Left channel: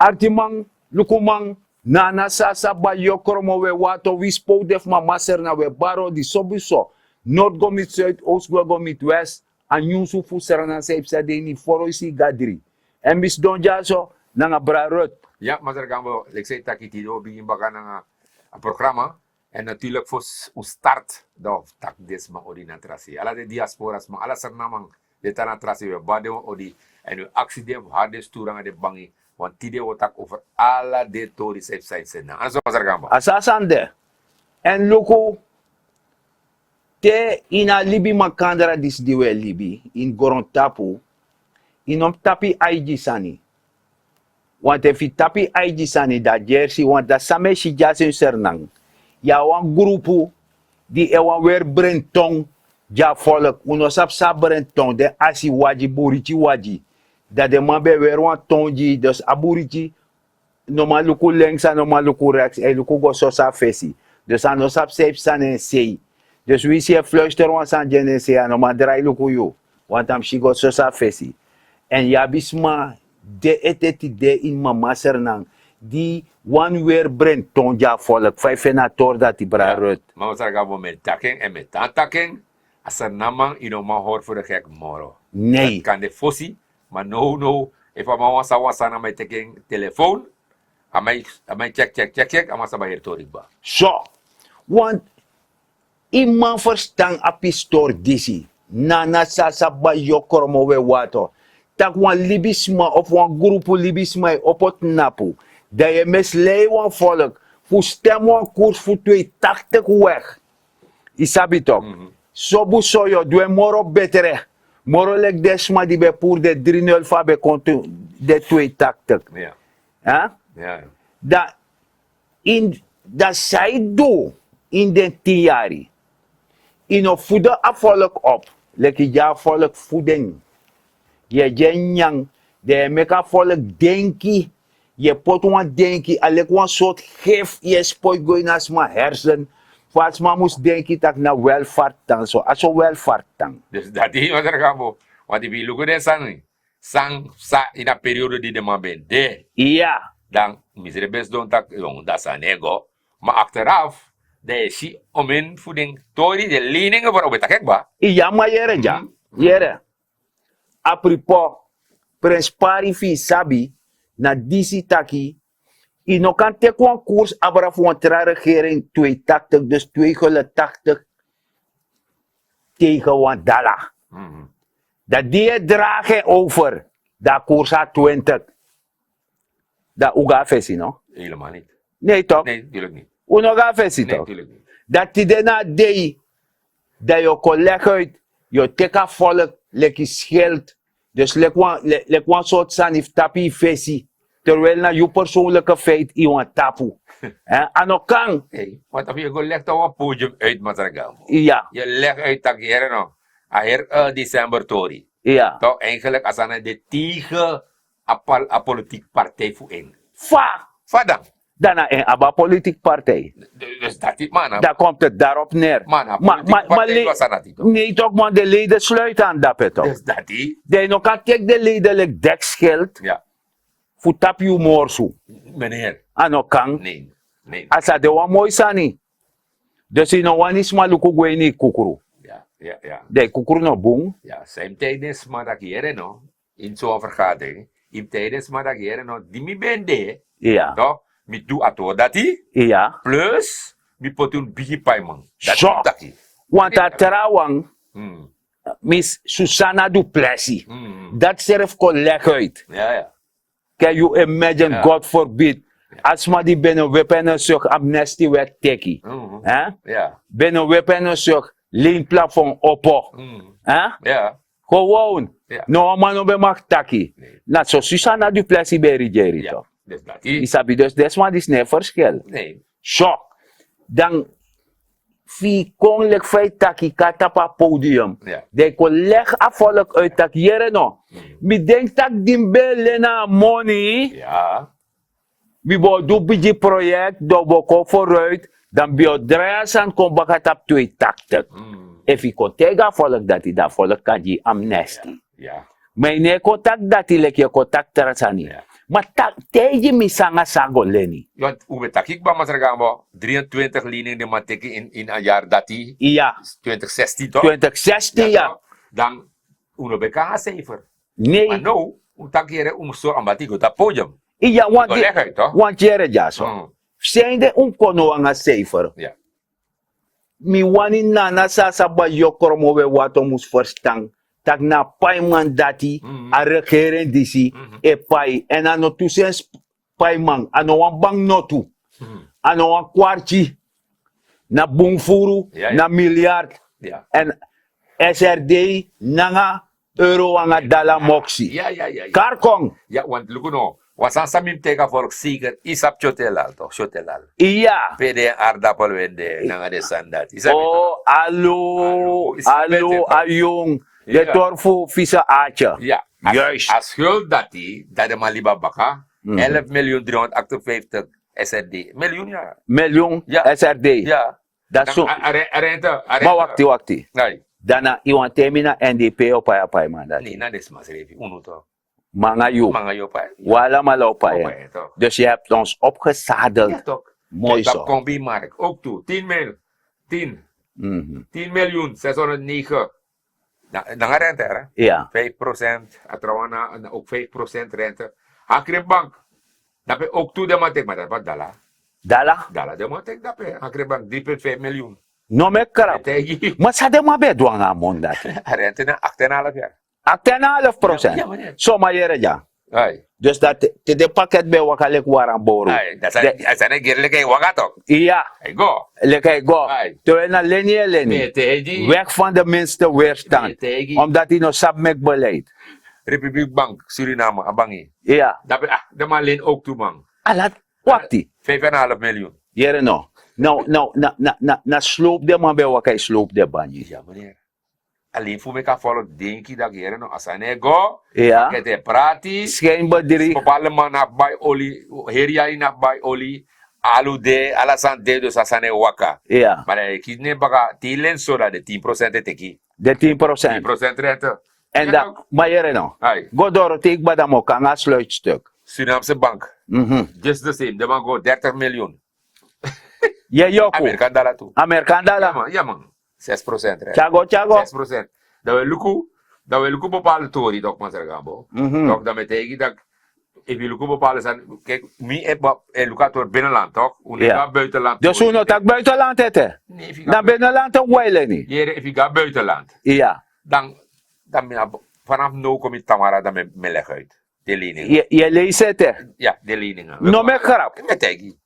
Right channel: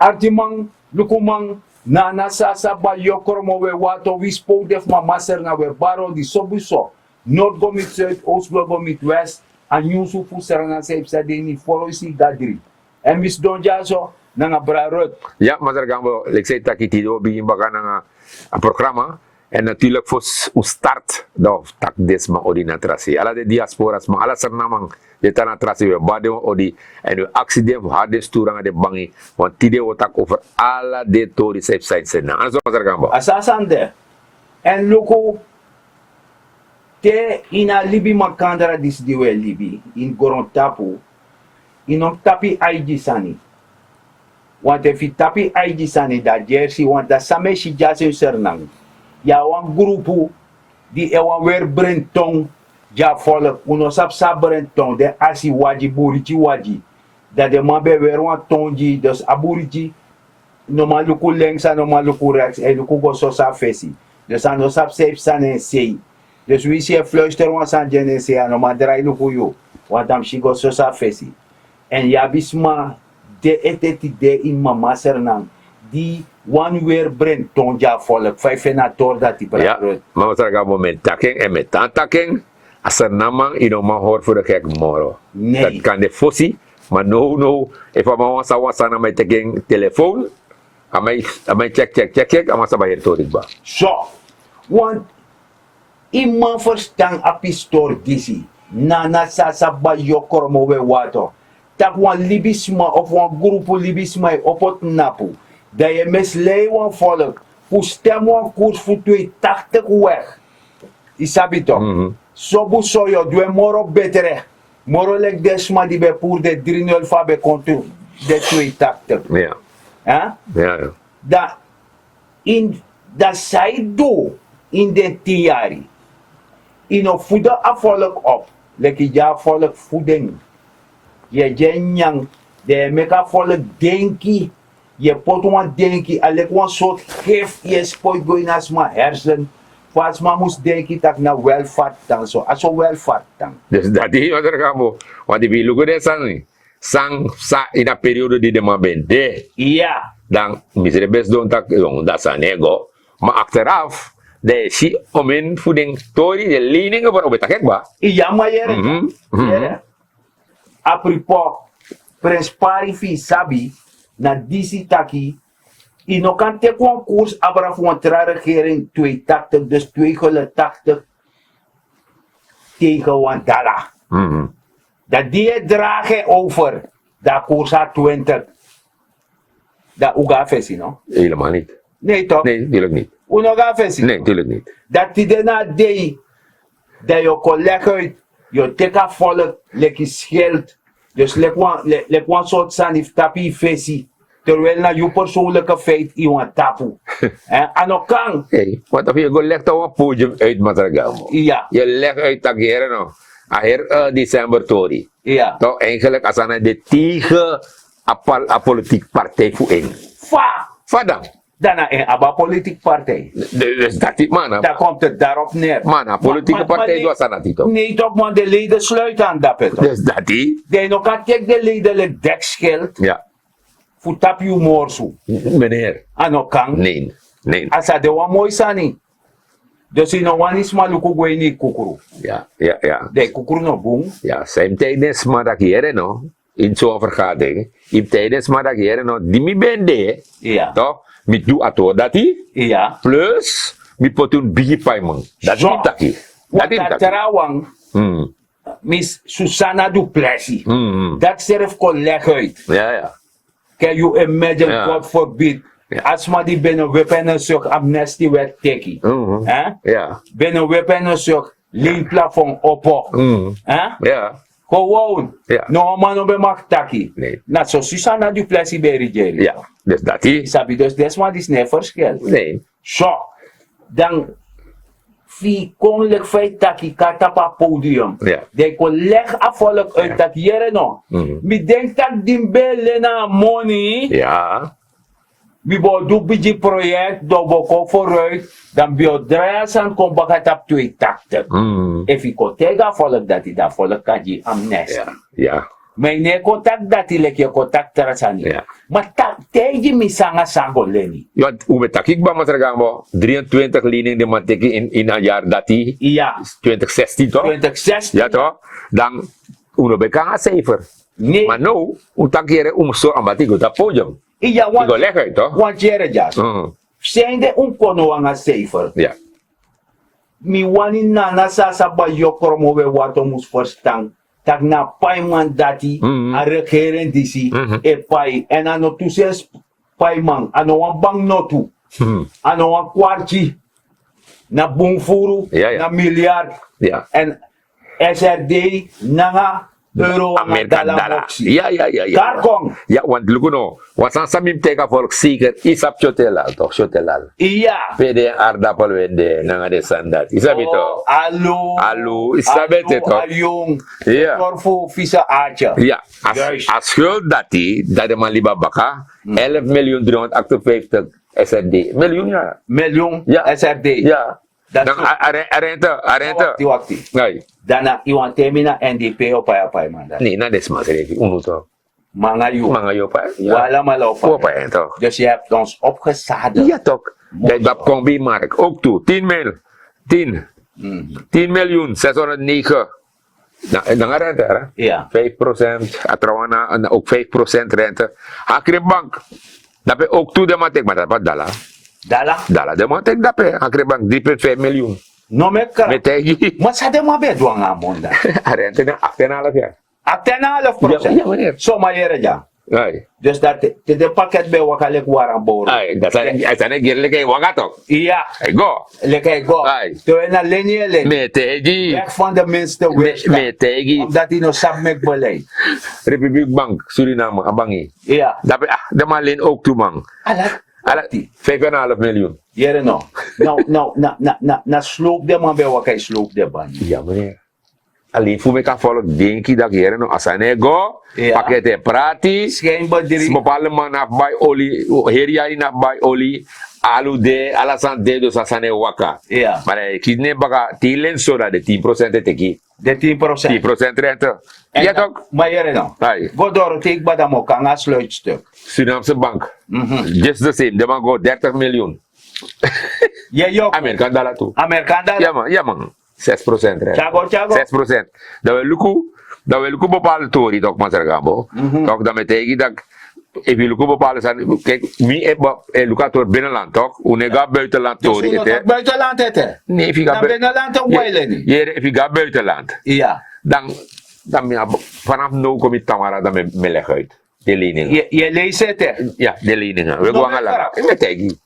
artimang lukumang nana sasa ba yokromo we wato we spoke def ma maser na we baro di sobuso Noord go met Zuid, Oost go met West en Yusuf Serna se ipsa de ni foroisi gadri en mis donja so nanga brarut. Ja, maar daar gaan we, ik zei dat ik die begin gaan een programma. En natuurlijk voor de start, dat tak desma odi na trasi. Alla de diasporas, maar alla sernamang de tana trasi we bado odi en de accident harde sturang de bangi. Want tide wotak over alla de tori safe sites na. Aso maar daar gaan we. Asasande. En luku te ina libi makandra dis diwe libi in Gorontapu in tapi IG sani. Want if you tapi IG sani da jersey want da same si jase sernang. Ya wan grupu di ewan weer brentong ja volk uno sap brentong de asi waji buriti waji da de mabe weer wan tonji dus aburiti no maluku lengsa no maluku rechts e luku go so sa fesi dus ano sap safe sane sei dus we see fluister wan san jene sei ano madrai luku yo want am shigo so sa fesi en ya bisma de eteti de in mama sernang di one weer brengt tonja volk 5 na tor dat die brarut. Maar we zeggen moment taking en met taking als er namang ino ma hoor voor de gek moro. Nee. Dat kan de fossi, maar no if ama wasa na mijn taking telefoon, amai check ama sa bahir torik ba. So, want iman verstaan apistor disi nana sasa ba yokormo we wato. Tak wan libisma of wan grupo libisma opot napu. Dat je misleidt van volk, voor stem van koers voor 280 weg. Isabi toch? Zo boezo je, doe moro betere. Moro lek desma die bij poer de 3-0 van bij konto de 280. Ja. Ja? Ja. Dat zij doen in de 10 jaar. In een voeden afvolk op. Lekker ja volk voeding. Je jenjang, de meka volk denki. Je pot wan denki, alek wan soort gif, je spoit go in as ma hersen. Pas ma moest denki tak na welvaart dan so, aso welvaart dan. Dus dat is wat er gaan we. Want die bilugo de sang, sa in een periode die de man bent de. Ja. Dan misere best doen tak, dat sa nego. Maar achteraf, de si omen voeding tori de leningen voor obeta gek ba. Ja, maar jere ja. Jere. Apropos, prins parifi sabi. Na disi taki, ino kan te kon koers abra voor een regering 280, dus 280 tegen een dollar. Dat die dragen over, dat koers had 20. Dat uga fesi, no? Helemaal niet. Nee toch? Nee, natuurlijk niet. Uga fesi, nee, toch? natuurlijk niet. Dat die daarna deed, dat je kon leggen uit, je teka volk, lekker schild, dus lekker een soort sanif tapi fesi. Terwijl na je persoonlijke feit iemand tapu. Ano kang? Hey, wat of je go legt op een podium uit Mazargamo. Ja. Je legt uit dat hier no. Aher december tori. Ja. Toch eigenlijk als aan de tegen een politiek partij voor een. Fa dan. Daarna een aba politiek partij. Dus dat is man. Daar komt het daarop neer. Man, politieke partij was aan het toch? Nee toch, man, de leden sluiten aan dat toch? Dus dat is. De nog kan kijk de leden het dekschild. Ja. Voor tap je morsu. Meneer. Ano kang? Nee. Asa de wa mooi sani. Dus in een wanis maluku gweni kukuru. Ja. De kukuru no boom. Ja, zijn tijdens maandag hier no. In zo'n vergadering. In tijdens maandag hier no. Die mi bende. Ja. Toch? Mi doe ato dati. Ja. Plus. Mi potun bigi paimon. Dat is niet taki. Want dat terawang. Miss Susanna Duplessis. Dat zelf kon leggen uit. Ja. Can you imagine, God forbid, als maar die binnen weapon zoek amnesty werd teki. Ja. Binnen weapon zoek leenplafond oppo. Ja. Gewoon. No man op mag taki. Nee. Nou, zo Susanna Duplessis bij Rigerie. Ja. Dus dat is. Isabi, dus dat is niet verschil. Nee. Zo. Dan fi koninklijk feit taki katapa podium. Ja. De kon leg afvolk uit tak jere no. Mi denk tak dimbe na money. Ja. Mi bo do biji project do boko vooruit. Dan bio draaien san kon bakat op 280. If ik kon tega volk dat die da volk kaji amnesty. Ja. May ne contact dati leki contact terasani. Ja. Maar teji misanga sango leni. Want hoe met takik ba masargamo 23 lening de mateki in een jaar dati Iya. 2016 toch? 2016 Ja ya. toch? Dan uno beka cijfer. Nee. Maar nou, utakere so ambati go dat podium. Iya Ikaw lekker toch? want jere jas. Mm. Zijnde kono anga safer. Ja. Mi wani nana sasa ba yokromo we wato mus verstang. Tak na paiman dati a regeren disi e pai en ano tusens paiman ano wan bang notu ano wan kwarti na bungfuru Ja, ja. na miljard Ja. en SRD nanga euro anga dala moksi. Ja. Karkong. Ja, want lukuno, wasan samim teka volk zeker isap chotelal toch, chotelal. Iya. Pwede aardappel wende nanga de sandat. Isabi to. Alo, isabi to. ayong, Ja. torfu visa acha. Ja, Juist. als schuld dati, dat de man liba baka, 11.358 SRD. Miljoen ja. Miljoen Ja. SRD. Ja. Dat Dan zo. arrête. Wakti. Nee, Dana iwan temina NDP o pa man. nee, na desmas refi, uno to. Mga yu. Mga yo pa. Wala malaw pa. Opa, toch. Dus je hebt ons opgezadeld. Ja, toch. Mooi Dat zo. komt bij Mark. Ook toe. 10 mil. 10. 10.609. Dan rente, hè? Ja. 5%. Atrawana, ook 5% rente. Akribank. Dat ben ook toe de matek, maar dat wat dala. Dala. Dala de matek, dat ben. Akribank 3,5 miljoen. No me kara. Met tegi. Maar sa de mabe duang amon da. Rente na 8,5 jaar. 8,5%. Ja, meneer. So mayere ja. Ay. Dus dat de pakket be wakalek warang boro. Ay, dat zijn een keer lekker wagatok. Iya. Ay, go. Lekker go. Ai. Terwijl na lenye lenye. Met tegi. Weg van de minste weerstand. Met tegi. Omdat hij nog sap met beleid. Republiek Bank, Suriname, Abangi. Ja. Dat ben, de man leen ook toe, man. Alat. Wati. 5,5 miljoen. Jere no. Na sloop de man be wakay sloop de bani. Ja, meneer. Alleen voor mij kan volk denken dat hier no asane go, Ja. pakket prati, Schijnbaar drie. bepaalde man af bij olie, heria in af bij olie, alu de, alasan de dus asane waka. Ja. Maar ik kies niet baka, tielen zo dat de 10% teki, De 10%. 10% rente. En Ja dat. toch? Maar jere no. Ai, Go door het ik badamo kan a sluitstuk. Surinaamse bank, just the same, de man go 30 miljoen. Je joko. Amerika dollar toe. Amerikaan Ja dala. man, ja man. 6% rente. Chago, chago. 6%. Dat we lukken bepaalde tori toch maar zeggen, toch dat betekent dat if je lukken bepaalde zijn, kijk, wie heeft lukken door binnenland toch, hoe Ja. gaat buitenland Dus hoe dat buitenland het? Nee, if je Dan gaat binnenland een wijle niet. if je gaat buitenland, Ja. dan vanaf nu kom je Tamara dan met leg uit. De leningen. Je leest het hè. Ja, de leningen. No me krap. Betekent.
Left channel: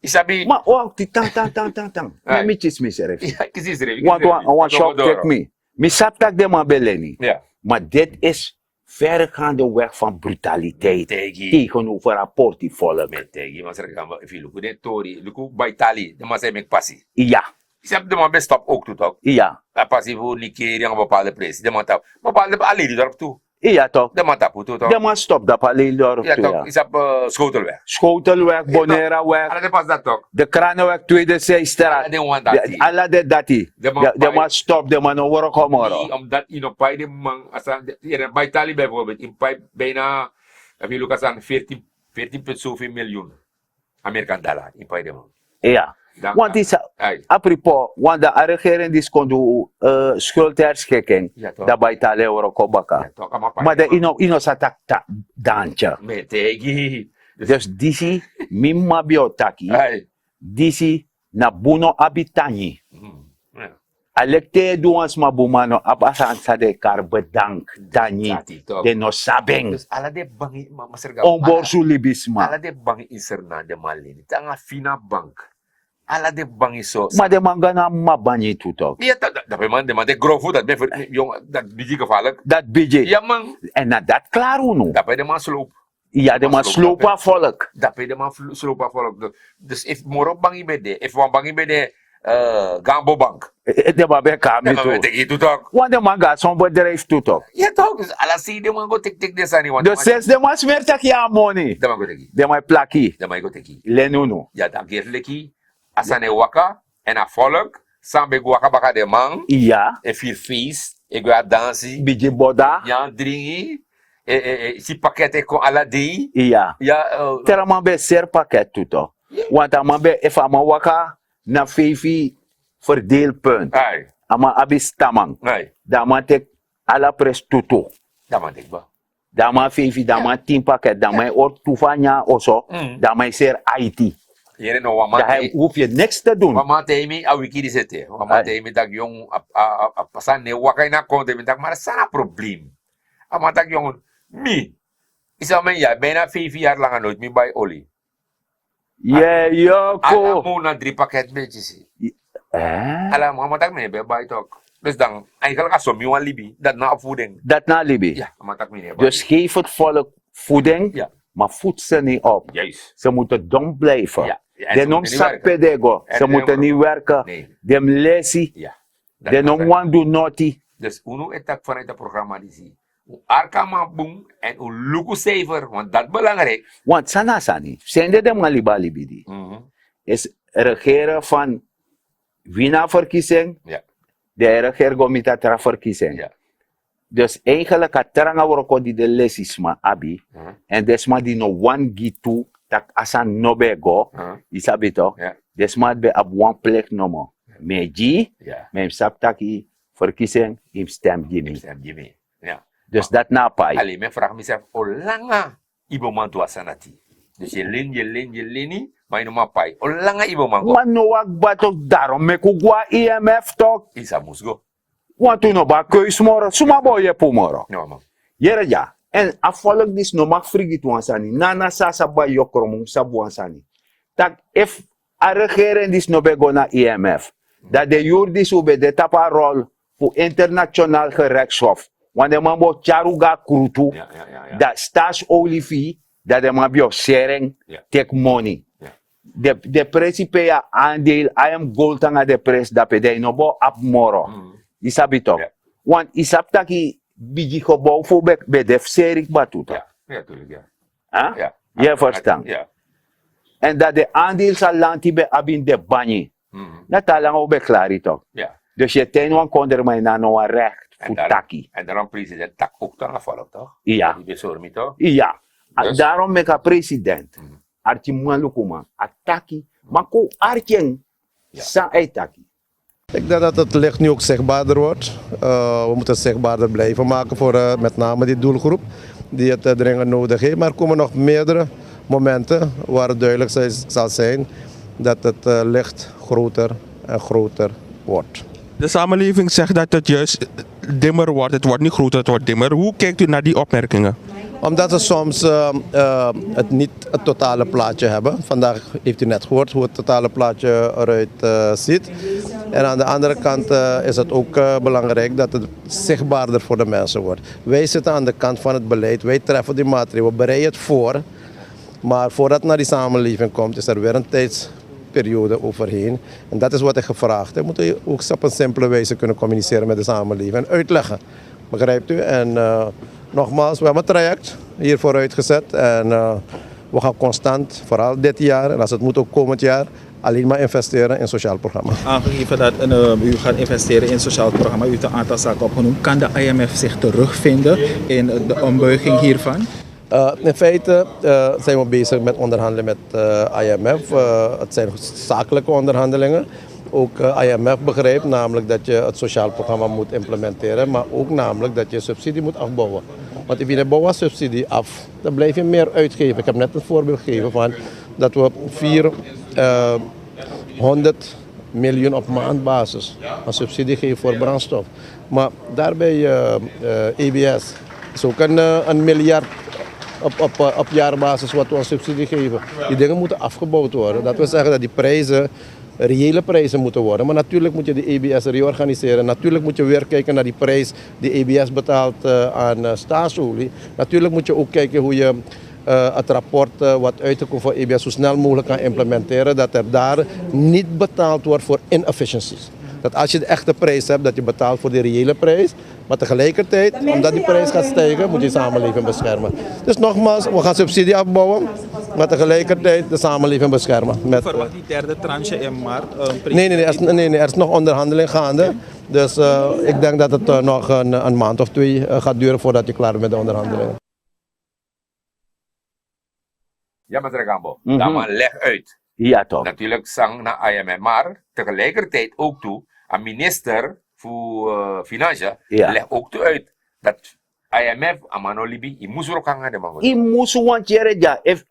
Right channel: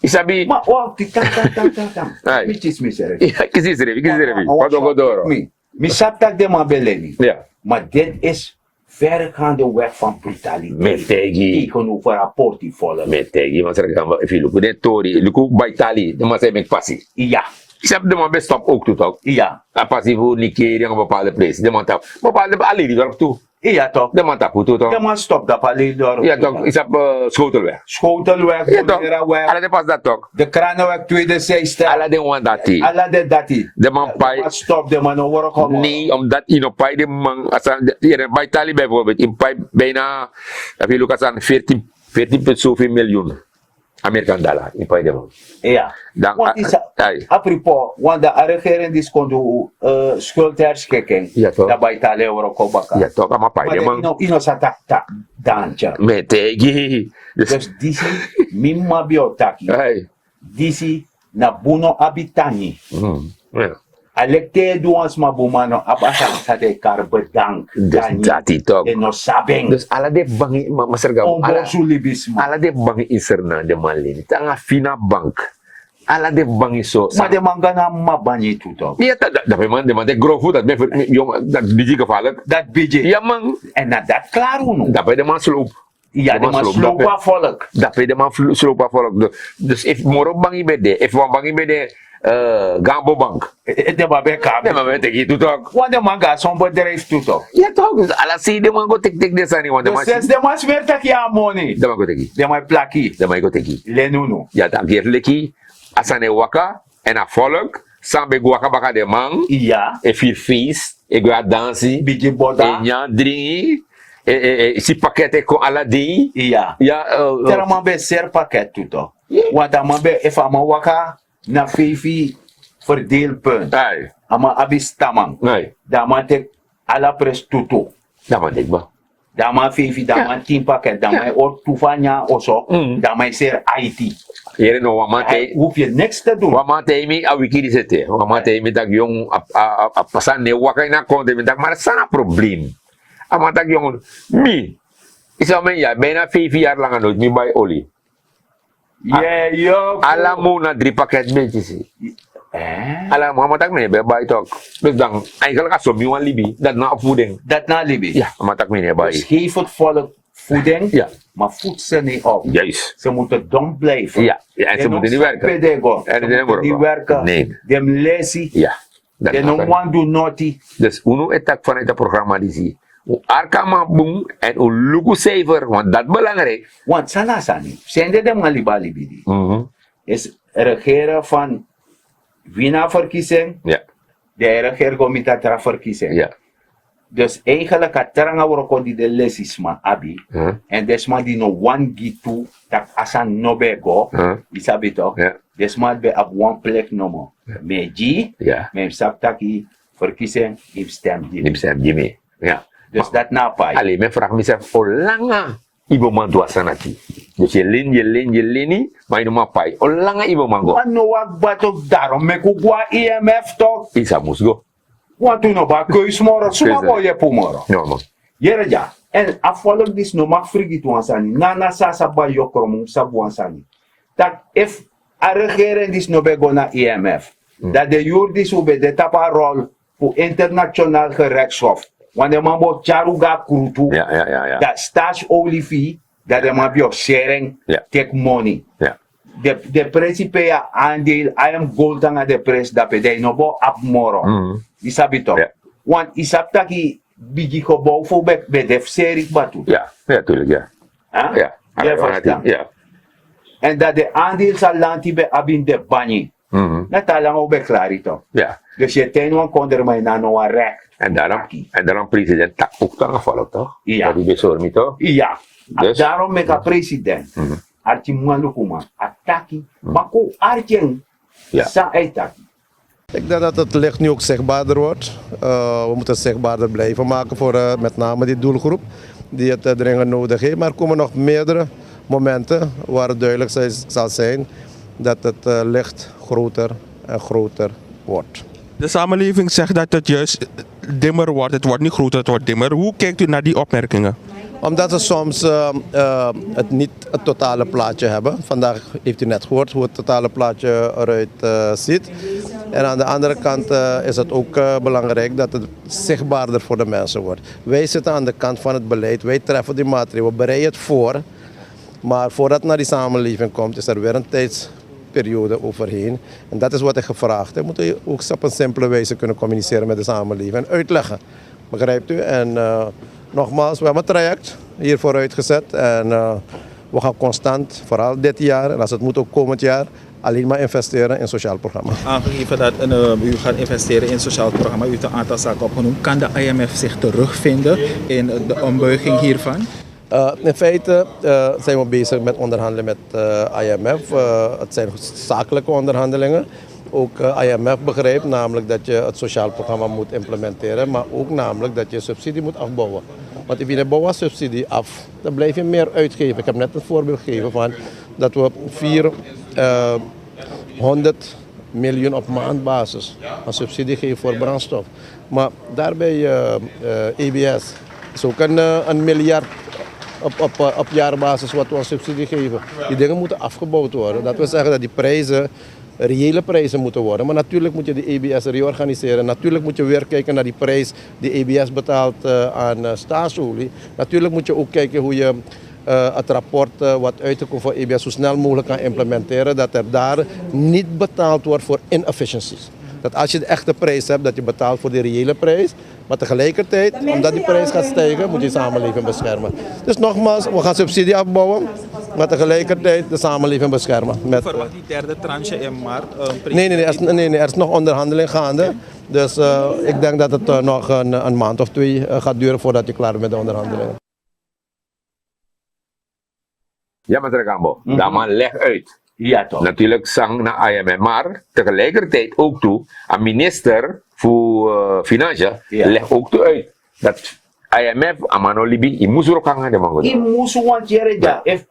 Isabi. Maar wacht, die tang. Ai. Mitjes misere. Ja, ik zie het Want Wat shock door. kijk me. Mi sap tak de man beleni. Ja. Maar dit is verregaande weg van brutaliteit. Metegi. Tegenover een portfolio. Metegi, maar zeggen if je lukken de tori, lukken bij Italië, dan maar zijn met passie. Ja. Ik heb de man best stop ook toe toch. Ja. A passie voor Nigeria een bepaalde prijs. De man tap. Bepaalde alleen die dorp toe. Ja toch. De man tap toe toch. De man stop dat alleen door. Ja toch. Is op Schotelweg. Schotelweg, Bonera-weg. Alle de pas dat toch. De Kranenweg, tweede zijstraat. Alle de one dat die. Alle de dati. De man De man stop, de man horen komen. Nee, omdat in op bij de man, als je bij Italië bijvoorbeeld, in bijna, dat wil ik zeggen, 14 zoveel miljoen Amerikaan dollar in bij de man. Ja. Dan- Want is ai. apropos, want de regering die kon doen schuldherschikking. Ja, toch. Dat bij Italië horen komen. Ja toch, maar bij Maar de de man. ino sa tak daantje. Metegi. Dus disi mimma biotaki. Hey. Disi na buno abitani. Ja. Alekte duans mabumano abasa sa de kar bedank. Dati toch. De no sabeng. Dus alle de bangi, maar serga. Ombo sulibisma. Ala de bangi inserna de malini. Tanga fina bank. Ala de bangi so. Maar de mangana mabani tuto. Ja, dat de man de grofo dat ben voor jong dat biji gevaarlijk. Dat bije. Ja man, En na dat klaar uno. dat bij de man sloop. Ja, de man slopa volk. Dat bij de man sloop afvolk. Dus if moro bangi bede, if wan bangi bede Gambo bank. De man ben kamer. Ja, maar weet ik niet toch. Want de man gaat zo'n bedrijf tuto. Ja toch, dus ala si de man go tik de sani want de De man. sens de man smeert ja money. De man go teki. De man plaki. De man go teki. Lenuno. Ja, dan gerleki asane waka en a volk Sambe guaka baka de man. Iya. E fil feest. E gua dansi. Biji boda. E nyan dringi. Si pakete ko aladi. Iya. Ja, Tera man be ser pakket tuto. Want dan man be if ama waka na fifi verdeelpunt. Ai. Ama abis tamang. Ai. Dan man tek ala pres tuto. Dat man dik ba. Dan man fifi, dan man 10 pakket. Dan man or tufanya oso. Dan man ser IT. Yere no Dan wamate. hoef je niks te doen. Wamate mi a wiki di sete. Wamate mi tak yung a pasan ne wakay na konde mi tak maar sana probleem. Ama tak yung mi. Isa man ya, bijna 5 jaar lang ano, mi bay oli. Yeah, yo, Alam mo na 3 paket benches. Alam mo, matak mi be bay tok. Dus dan, ay kala ka so mi wan libi, dat na opvoeding. Dat na libi. Ja, matak mi ne bay. Dus geef het volk voeding, Ja. maar voed ze niet op. Juist. Ze moeten dom blijven. Ja, ja, en ze De moeten niet werken. pedego. En Ze ze moeten niet werken. werken. Nee. Dem lazy. Ja. dat De kan no zijn. one do naughty. Dus uno etak vanuit het programma die zie. O arkama boom en o lugu saver, want dat belangrijk. Want sana sani. Zijn de malibali die. Is regeren van winnaarverkiezing. Ja, De regeergomita tra verkiezing. ja. Dus eigenlijk het teranga worko die de lesisma abi. En desma die no one gitu tak asan nobego. Isabi toch? Ja. Desma be ab one plek nomo. Meji. Ja. Mem saptaki verkiezing if stem Niet Jimmy. besef Jimmy. Ja. Dus dat na pai. Alleen, men vraagt mezelf, olanga ibo man dua sanati. Dus je lini, maar je maar pai. Olanga ibo man go. Want no wak batok daarom meku gwa IMF toch. Isa musgo. Want u no ba keus moro. Suma Precies. boye pu moro. No man. Yere ja. En afvallig dis no mag frigit wansani. Nana sasa ba yokrom sabu wansani. Tak if a regering dis no be go na IMF. Dat de jurdis ube de tapa rol voor internationaal gerechtshof. Wanneer man bo charuga krutu. Ja. Dat staatsolie dat de man bio sharing Ja. take money. Ja. De principe ja aandeel, I am gold aan de pres dat pe de no bo ap moro. Isabi toch? Ja. Want isap taki bigi gebouw voor be def serik batu. Ja, tuurlijk, ja. Huh? Ja. Je verstaan? Ja. En dat de aandeel zal lanti be abin de banyi. Dat lang ook be klari toch? Ja. Dus je ten wan kon er maar na no recht. En daarom president tak ook aangevallen, toch? Ja. Dat die bezorgd, toch? Ja. Dus? Daarom met de president. Arti malukuma. Ataki. Maku artjen. Ja. Sa eitaki. Ik denk dat het licht nu ook zichtbaarder wordt. We moeten het zichtbaarder blijven maken voor met name die doelgroep die het dringend nodig heeft. Maar er komen nog meerdere momenten waar het duidelijk zal zijn dat het licht groter en groter wordt. De samenleving zegt dat het juist dimmer wordt. Het wordt niet groter, het wordt dimmer. Hoe kijkt u naar die opmerkingen? Omdat ze soms niet het totale plaatje hebben. Vandaag heeft u net gehoord hoe het totale plaatje eruit ziet. En aan de andere kant is het ook belangrijk dat het zichtbaarder voor de mensen wordt. Wij zitten aan de kant van het beleid, wij treffen die maatregelen, we bereiden het voor. Maar voordat het naar die samenleving komt, is er weer een tijdsperiode overheen. En dat is wat ik gevraagd heb. Moeten we ook op een simpele wijze kunnen communiceren met de samenleving en uitleggen. Begrijpt u? En nogmaals, we hebben een traject hier vooruit gezet. En we gaan constant, vooral dit jaar en als het moet ook komend jaar, alleen maar investeren in sociaal programma. Aangegeven dat u gaat investeren in sociaal programma, u heeft een aantal zaken opgenoemd. Kan de IMF zich terugvinden in de ombuiging hiervan? In feite zijn we bezig met onderhandelen met IMF. Het zijn zakelijke onderhandelingen. Ook IMF begrijpt namelijk dat je het sociaal programma moet implementeren, maar ook namelijk dat je subsidie moet afbouwen. Want als je de bouwen subsidie af, dan blijf je meer uitgeven. Ik heb net een voorbeeld gegeven van dat we 400 miljoen op maandbasis aan subsidie geven voor brandstof. Maar daarbij EBS is ook een miljard op jaarbasis wat we aan subsidie geven. Die dingen moeten afgebouwd worden. Dat wil zeggen dat die prijzen reële prijzen moeten worden. Maar natuurlijk moet je de EBS reorganiseren. Natuurlijk moet je weer kijken naar die prijs die EBS betaalt aan staatsolie. Natuurlijk moet je ook kijken hoe je het rapport wat uitgekomen voor EBS zo snel mogelijk kan implementeren. Dat er daar niet betaald wordt voor inefficiencies. Dat als je de echte prijs hebt, dat je betaalt voor de reële prijs. Maar tegelijkertijd, omdat die prijs gaat stijgen, moet je samenleving beschermen. Dus nogmaals, we gaan subsidie afbouwen, maar tegelijkertijd de samenleving beschermen. Met, Verwacht die derde tranche in maart? nee, er is nog onderhandeling gaande. Dus ik denk dat het nog een maand of 2 gaat duren voordat je klaar bent met de onderhandelingen. Ja, meneer Gambo. Dan maar leg uit. Ja toch. Natuurlijk zang naar IMF, maar tegelijkertijd ook toe, een minister voor Financiën legt ook toe uit dat IMF, Amano Libi, je moest er ook aan de man. I musu want jereja if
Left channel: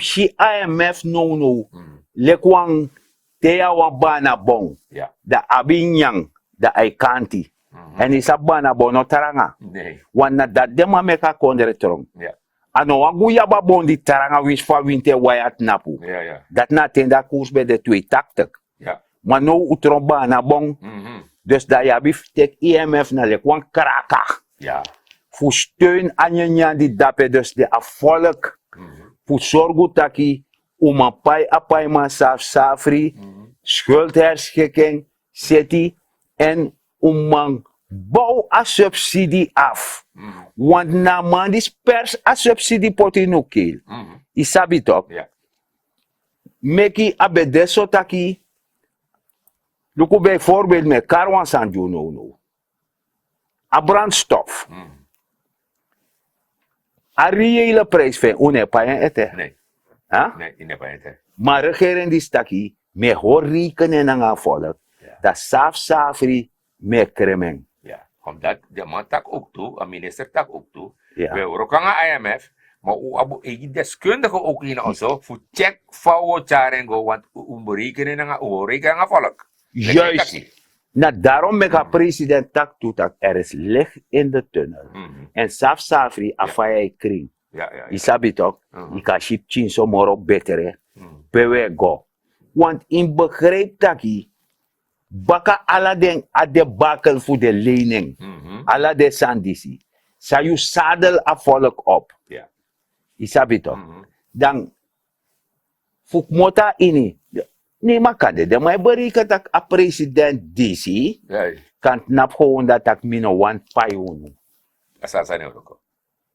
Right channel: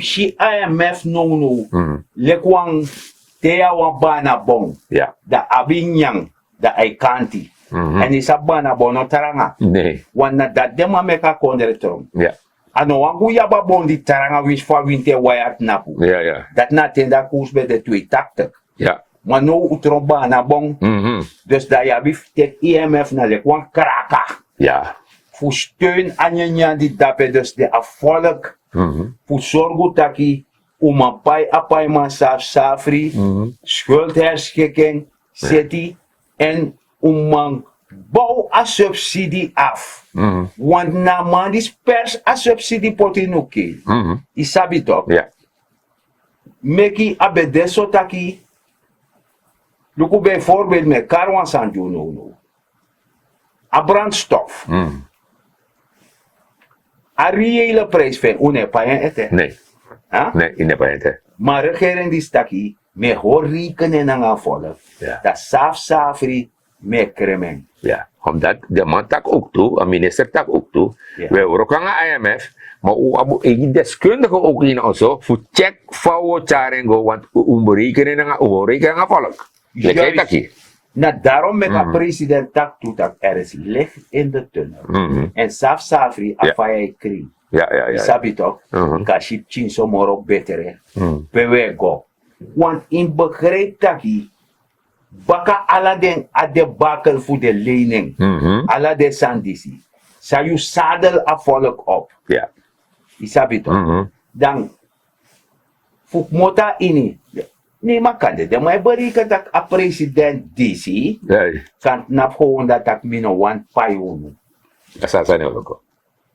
shi IMF no lekwang teya wa bana bon Ja. da abinyang da aikanti en isa bana bon no taranga Nee. wana da dema meka kondere trom Ja. ano wa buya ba bon di taranga wish fa winte wayat napu Ja, ja. dat na tenda koers bij de twee taktek Ja. maar no utro bana bon dus da ya bif tek IMF na lekwang kraka Ja. voor steun aan je die dape dus de afvolk voor zorgen dat je een pai man safri schuldherschikking city en man bouw a subsidie af want na man die pers a subsidie potinuki isabi toch Ja. meki abedeso taki luku bijvoorbeeld met karwan sanju no a brandstof a reële prijs van unepayen ete. Nee. Huh? Nee, in de paente. Maar regering die staki, me hoor rekenen en aan volk. Ja. Dat safri me kremeng. Ja. Omdat de man tak ook toe, een minister tak ook toe. Ja. We hebben ook aan IMF, maar ook een deskundige ook in onze voor check voor charengo, want berekenen aan volk. Juist. Nou, daarom met de president tak toe dat er is licht in de tunnel. En safri afaya kring. Ja, ja, ja. Isabi toch? Ik kan ship chin so moro betere. Pewe go. Want in begrijp dat baka ala den ade bakel voor de lening. Ala de sandisi. Sa you zadel a volk op. Ja. Isabi toch? Dan fuk mota ini. Nee, maar kan de maar bereken dat a president DC Ja. kan nap gewoon dat ik mino one payunu. Asa sa neuro ko.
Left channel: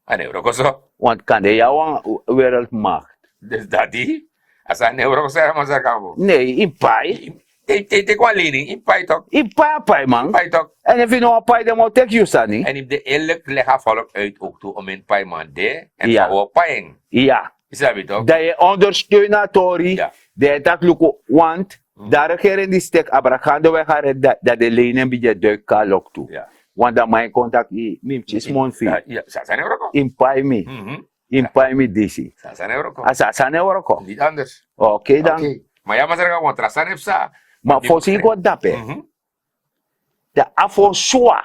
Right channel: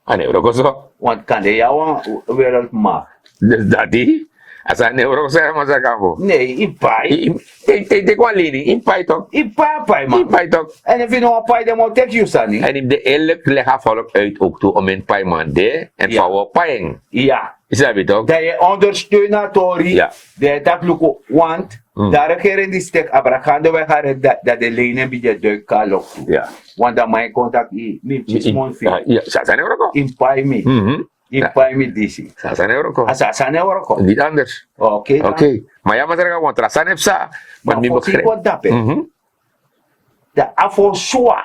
Ano neuro ko so? Want kan de jou wereldmacht. Dus dat die? Asa neuro ko sa mga sa kampo. Nee, in pay. Te kwa lening, in pay toch? In pay man. In pay toch? En if you know a pay, dan moet ik you sani. En in de eerlijk leggen volk uit ook toe om in pay man de en Ja. voor paying. Ja. Is dat weet toch? Dat je ondersteunatori. Ja. Dat tak luko want. Daar regering die stek abrakando we gaan dat de lenen bij de duik kan lok toe. Ja. Want dan mijn contact is mon Ja, ja, sa neuro ko. in pay me. In pay me DC. Sa neuro ko. Asa sana euro ko. Niet anders. Oké dan. Oké. Maar ja, maar zeg want rasan heb sa. Maar voor zich wat dape. De afoswa.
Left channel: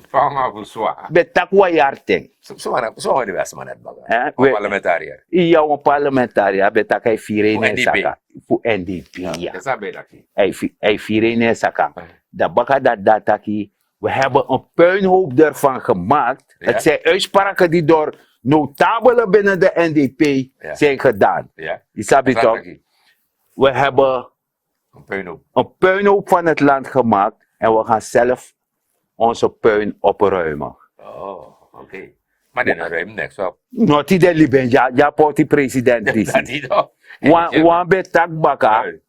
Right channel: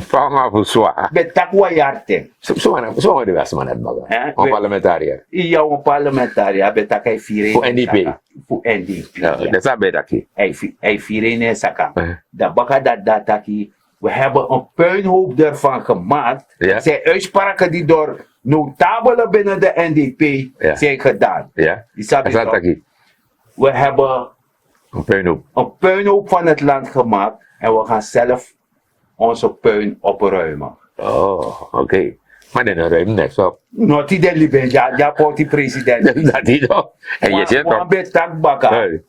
Fama voor zwaar. Betakwa yarte. Zo de beste man het baga. Eh, Een we- parlementariër. Iya een parlementariër betakai fire Voor NDP. Voor NDP. Ja, dat is een beetje. Hij fire in saka. Eh. Dat baka dat dataki. We hebben een puinhoop ervan gemaakt. Ja. Het zijn uitspraken die door notabelen binnen de NDP zijn gedaan. Ja. Isabi Dat is toch? een We hebben een puinhoop. een puinhoop van het land gemaakt. En we gaan zelf onze puin opruimen. Oh, oké. Maar die ruim net zo. Not die liben, ja, poti president. Dat die toch? En je zit Wan toch? betak baka. Hey.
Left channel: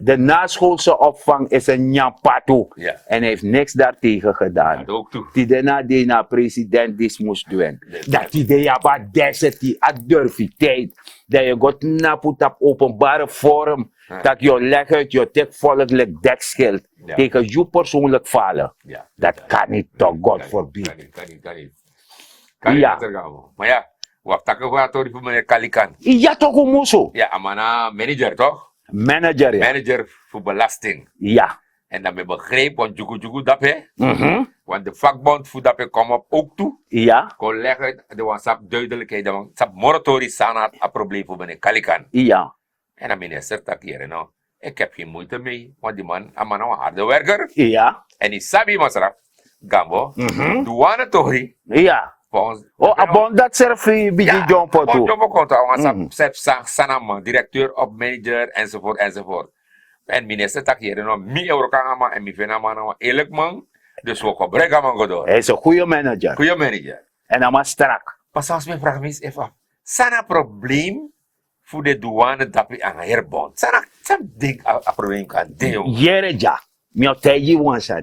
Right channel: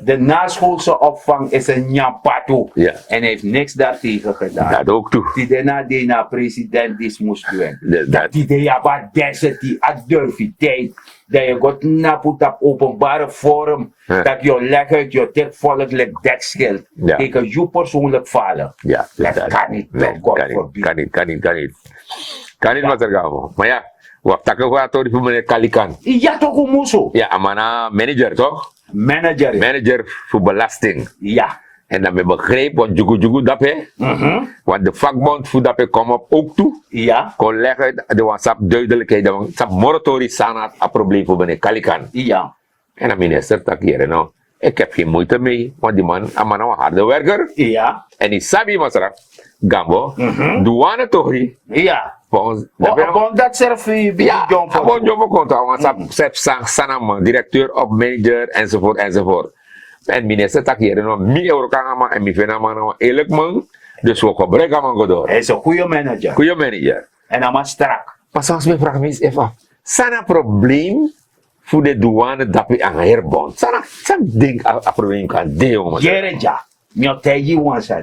De naschoolse opvang is een nyampatu. Ja. En hij heeft niks daartegen gedaan. Dat ook toe. Die de president die moest doen. Dat die de jaba deze die adurfiteit. Dat je gaat naput op openbare forum. Ja. Dat je leg uit je tek volkelijk dekschild. Ja. Tegen je persoonlijk vallen. Ja. Dat kan niet, toch? God Kan forbid. niet. Kan niet. Kan niet. Kan niet. Kan niet Ja. wat er gaan. Maar ja. Wat takken we aan voor meneer Kalikan? Ja toch een moeso. Ja, amana manager toch? Manager. Manager voor belasting. Ja. En dan ben begreep, want jugu dat hè. Want de vakbond voor dat komt op ook toe. Ja. Kon leggen, de WhatsApp duidelijkheid, de WhatsApp moratorium staan een probleem voor meneer Kalikan. Ja. En de minister tak hier, nou, ik heb geen moeite mee, want die man, een harde werker. Ja. En die sabi masraf, Gambo, douane tori. Ja. Volgens, Abon dat zelf bij ja, John abon Pato. John Pato, want ze sanam, directeur of manager, enzovoort, enzovoort. En minister tak hier, nou, mi euro kan maar, en mi vena man, nou, eerlijk man. Dus we gebruiken man godor. Hij is een goede manager. Goeie manager. En hij is strak. Maar soms me vraag me eens even, sana probleem voor de douane dat we aan herbond. Sana ding a probleem kan de jongen. Jereja. Mio teji wansan.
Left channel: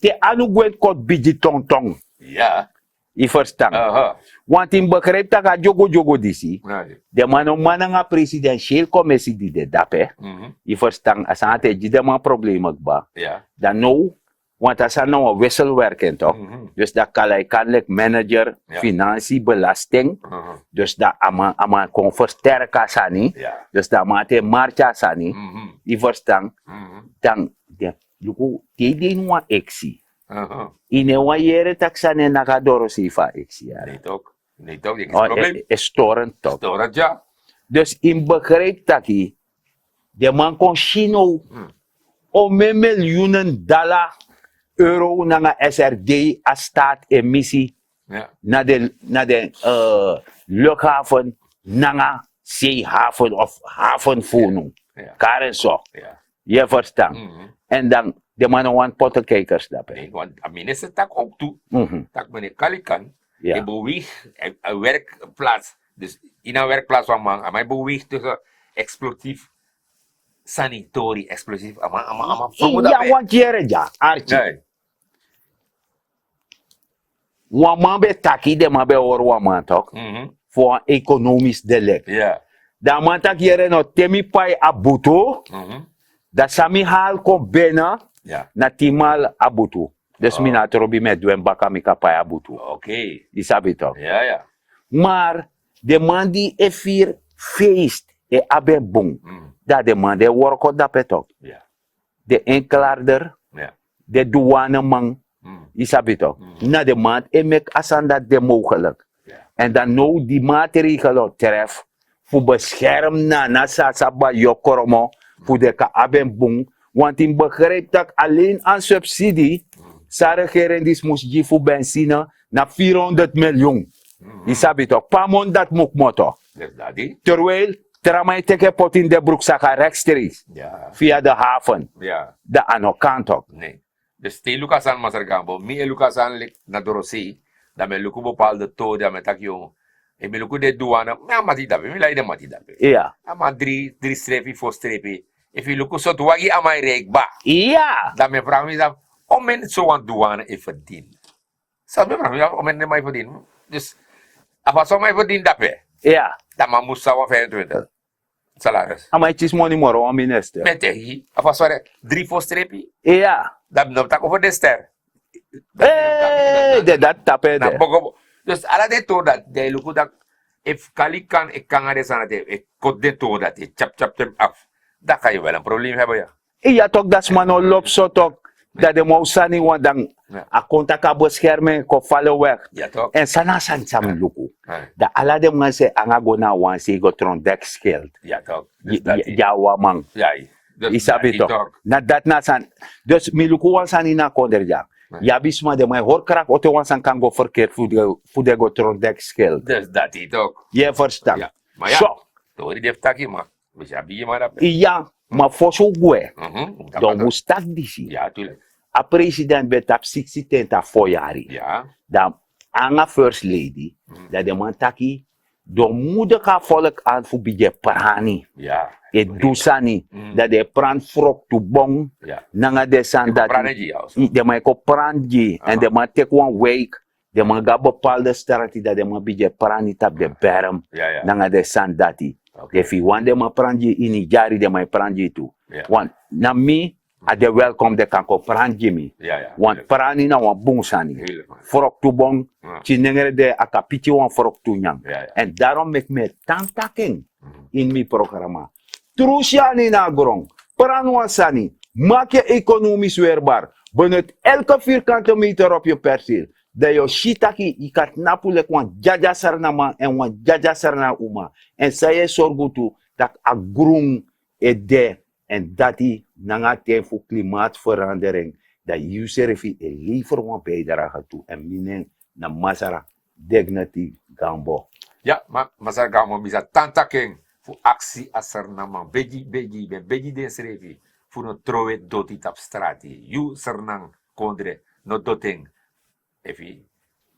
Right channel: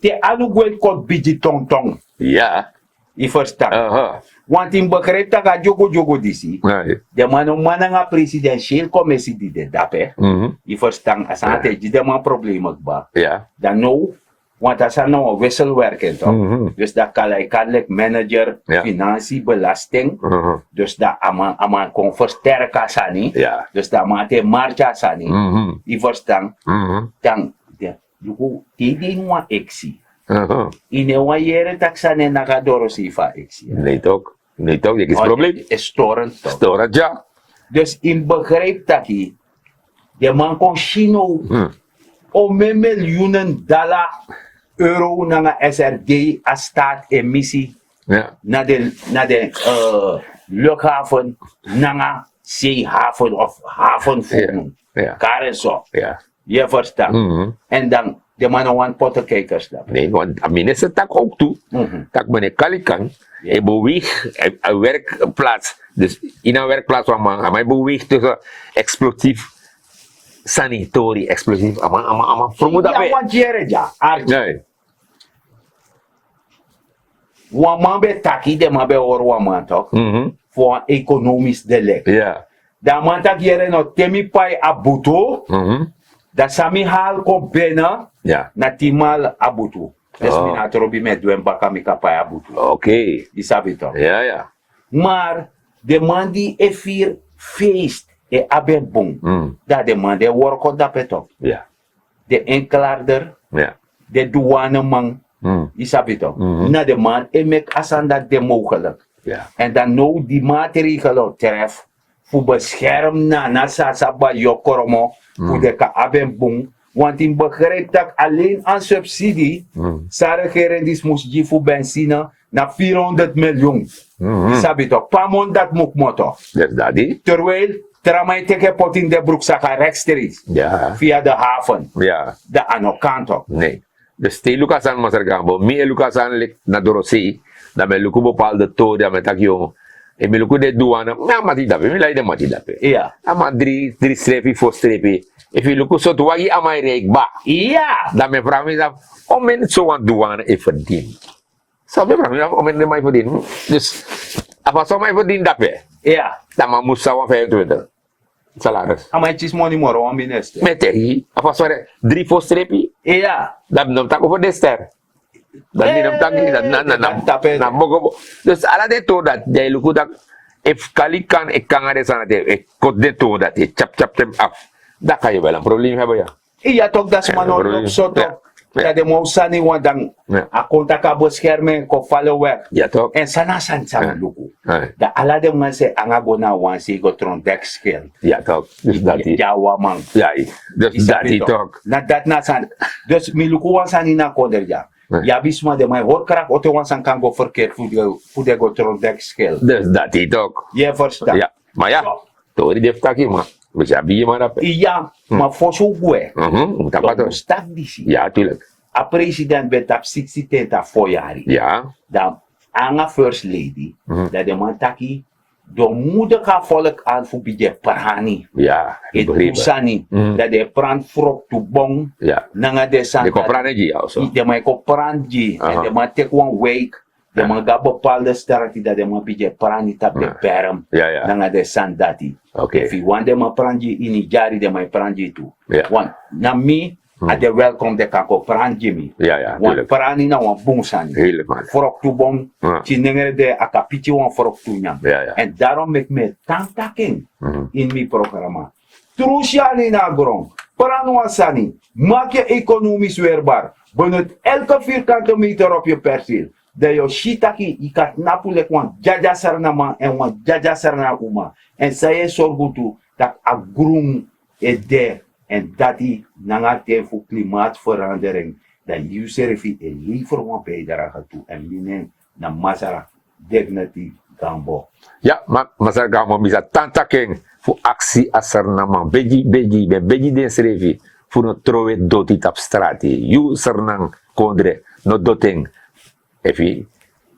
Te anu gwet kot biji tong tong. Ja. I verstaan. Aha. Want in begrijp dat ga jogo disi. Nee. De man nga presidentieel commissie die de dape. I verstaan. As aan te de man probleem ba. Ja. Dan nou. Want als er nou een wisselwerking toch? Dus dat kan manager, Ja. financiën, belasting. Dus dat ama kon versterken sani. Ja. Dus dat ma te marcha sani. Die verstaan. Dan de luku tedi wa exi. Ine wa yere taksane nagadoro sifa exi. Nee toch? Nee toch? Dat is het probleem. Is storend toch? Storend ja. Dus in begrijp dat je de man kon chino om miljoenen dollar euro naar SRD als staat emissie Ja. naar de luchthaven, naar zeehaven of havenvoornoem. Ja. Karen zo. Ja. Je verstaat. En dan de mannen want pottenkijkers dat. Nee, want aan minister tak ook toe. Tak meneer Kalikan, Ja. hij beweegt een werkplaats. Dus in een werkplaats waar man, hij beweegt tussen explosief, sanitorie, explosief. Ja, want jere ja. Nee. Waman be taki de man be oor waman toch? Voor een economisch delict. Ja. Da man tak jere no temi pai abuto. Da sami hal ko bena. Ja. Na timal abutu. Dus Oh. mina trobi met duen baka mi kapai abutu. Oké. Die sabi toch? Ja, ja. Maar de man die e vier feest e abe bong. Dat de man de worko dape toch? Ja. De enklaarder, Ja. de douane man. Die sabi toch? Na de man e mek asan dat de mogelijk. Ja. En dan nou die maatregelen tref voor bescherm na sasaba jokoromo voor de ka abe bong. Want in begrijp dat alleen aan subsidie, sa regering die moest je voor benzine naar 400 miljoen. Die sabi toch, pamon dat moet motor. Dat is dat, die? Terwijl, tramai teke pot in de broekzak rechtstreeks, Ja. via de haven, Ja. de ano kant op. Nee. Dus te lukasan masargambo, mi lukasan lik na dorosi, na me luku bepaalde toda met takyo. E me luku de douane, na mati dape, mi lai de mati dape. Ja. Ama drie streepje voor streepje. If you look so to wagi amai reik ba. Ja. Dan me vraag me dan, om men zo aan douane e verdien. Sabi me, om men de mij verdien. Dus, apa zo mij verdien dape. Ja. Dan ma moest sawa 25. Salaris. Amai chis money moro, om minister. Met tehi, apa zo drie voor streepje. Ja. Dan nam tak over de ster. Dan die nam tak ni dat tape na de. bogo. Dus ala de to dat jij luku dat if kali kan ik kan are sana de ik kot de to dat chap chap them af. Dan kan je wel een probleem hebben ja. Iya toch dat is maar no lop zo toch. Ja. Dat de mousani want dan Ja. a konta ka beschermen ko vallen weg. Ja toch? En sana san luku. Ja. Da ala de man se anga gona wan se go tron dekskill. Ja toch? Dus dat is. Ja wa man. Ja, dat Isabi is toch. toch. Na dat na san. Dus mi luku wan san ina konder ja. Nee. Ja bisma de mij hoor krak ote wan san kan go verkeerd voor de go tron dekskill. Dus dat is toch. Je verstaan. Ja. Maar ja, Zo. tori def taki maar. We zijn bij maar dat. Iya, maar voor zo gue. Dat Dan maar moest dat disi. ja, tuurlijk. A president betap 60 tenta foyari. Ja. Dan anga first lady. Dat de man taki do moeder ka volk aan voor bije parani. Ja. E dusani. Dat de pran frok to bong. Ja. Nanga de san Ik praat niet jou zo. de man ko pranji. En de man take one week. De man ga bepaalde strategie dat de man bije parani tap de berm. Ja, ja. Nanga de san dati. Oké. If you want de man pranji in jari de man pranji tu. Ja. Want na mi. Ade welcome de kako pranji mi. Ja, ja, Want tuurlijk. parani na wan bungsani. Helemaal. Forok tu bong. Ja. Chinengere de akapiti wan forok tu nyam. Ja, ja. En daarom mek me tantaking in mi programma. Trusiani na grond. Paranwasani. Maak je economisch weerbaar. Benut elke vierkante meter op je perceel. Dat je shitaki, je kan napulek wan jaja sarnama en wan jaja sarna uma. En zij zorgen toe dat a groen is de. En dat die nangate voor klimaatverandering. Dat je servi een liever wan bijdrage toe. En minen na masara dignity gambo. Ja, maar masar gamo bisa tantaking voor actie asar nama beji den srevi voor een trouwe doti tap strati. You sernang kondre no doting. Efi,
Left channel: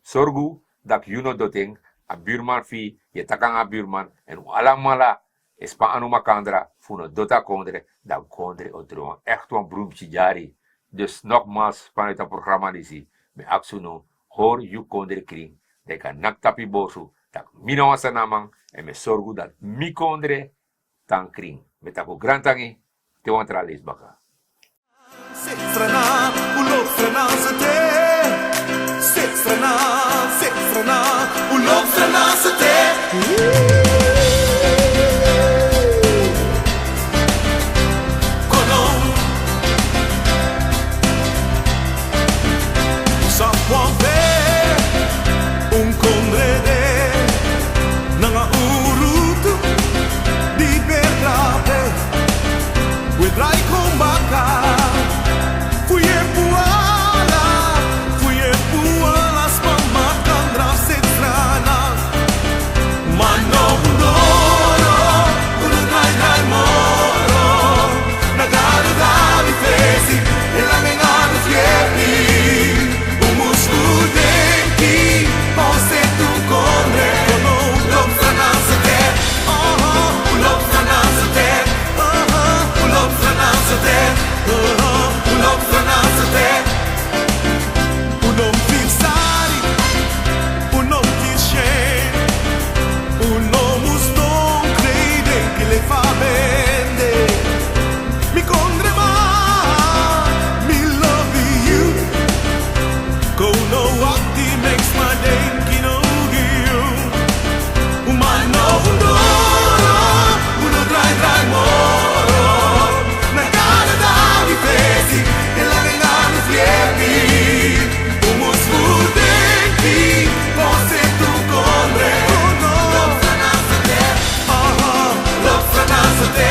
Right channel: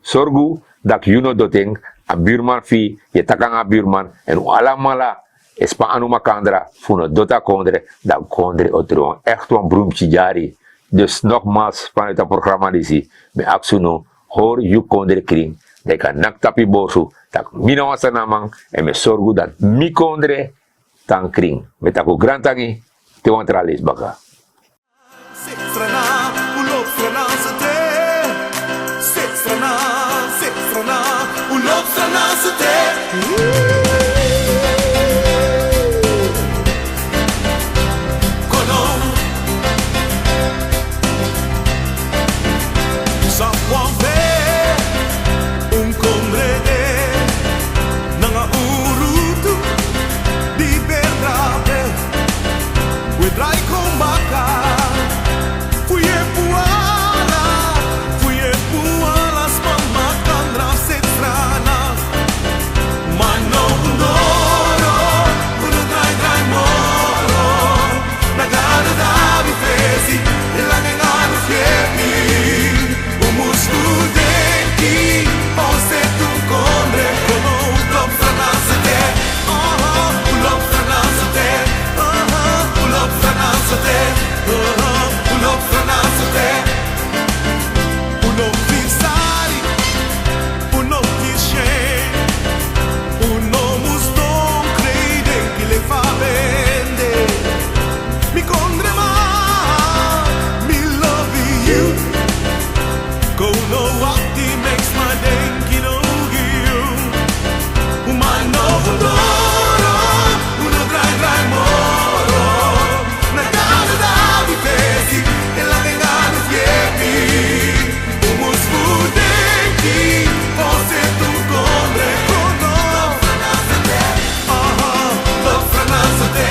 sorgu dat you no doting, a buurman fi, je takang a buurman, en alamala, espa anu makandra, funo dota kondre, dat kondre otro. Echt een broemtje jari. Dus nogmaals, vanuit het programma disi, me aksuno, hoor you kondre kring, de kan naktapi bosu, tak mina wasa namang, en me sorgu dat mi kondre, tang kring. Met ako grantangi, te wantralis baka. Sit strana, ulop strana sa te. Sit strana, ulop strana sa te. Kono sa puampe un condrede nanga urutu di perdrape wedrai kombaka. Fui e puala, spama kandra sit strana. Mano undoro, uno drai moro. Nagado da vitesi, e la mengano fiepi. Umu studenti, o se tu condre, kono ulop strana sa te. Ulop strana sa te. Ulop strana sa te. Ulop strana sa te. Uno fissari, uno kishen, uno muston crede che le fa bende. Mi condre ma, me love you. Go no wakti makes my day, kino you. Umano undoro, uno drai moro. Nagana da vitesi, e la vengano fiepi. Umus fudenti, forse tu condre. Kono lop strana sa te.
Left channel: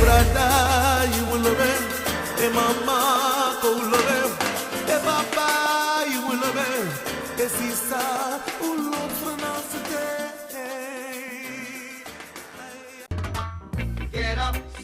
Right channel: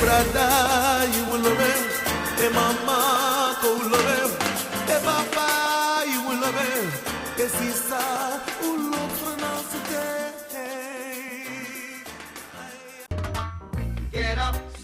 Brada, you will love him. E mama, go love him. E papa, you will love him. E sisa, love for now today. Get up.